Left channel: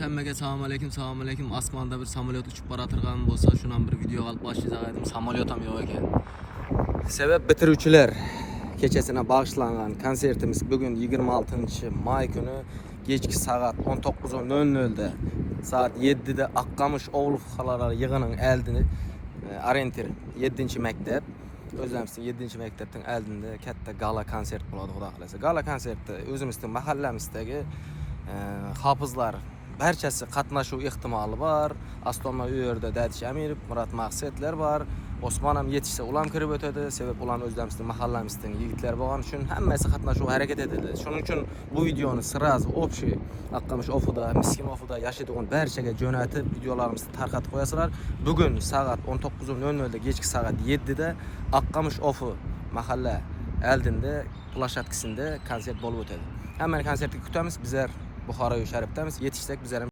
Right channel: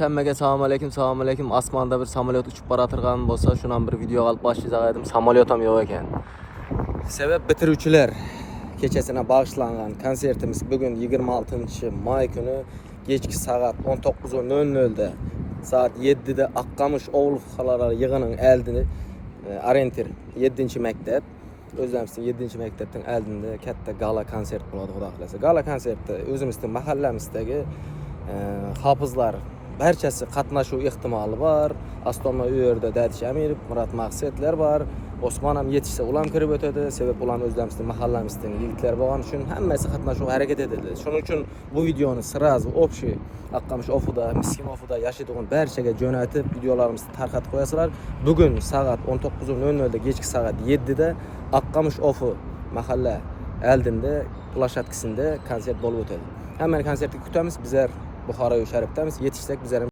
Hemmeге selamun aleyküm. Asmanda bir samolyot uçup baratırgan bolsa, şunan bir video alıp başlayacak edim. Samolyotam yok eken. Sebep bitiruvchiler keçesine bağışlanan konsertimiz bugün 26 may günü geçki saat 19:00'da saat 7'de Akkamış Oğulxalara yığının eldini Arentir 7. mektep özlemsin 7. mektepten eldinde katta gala konsert buladı Xudo xolasa. Gala konsertde özümüzdün mahallemizdagi hafızlar barchasi qatnashuv ehtimoli var. Astonna uyerda Dadish Amirov, Murat Maqsadlar var. Osman ham yetishsa ulam kirib o'tadi. Sebab ulam o'zlarimizning mahallamizning yigitlar bo'lgani uchun hammasi qatnashuv harakat etadi. Shuning uchun bu videoni sirazi общий Akkamış ofuda, miskin ofuda yashaydigan barchaga jo'natib videolarimizni tarqatib qo'yasizlar. Bugun soat 19:00 da kechki soat 7 da Akkamış ofu mahalla eldinde plashatkasida konsert bo'lib o'tadi. Hammani konsertga kutamiz. Bizlar Buxoro sharifdamiz. Yetishsak bizlar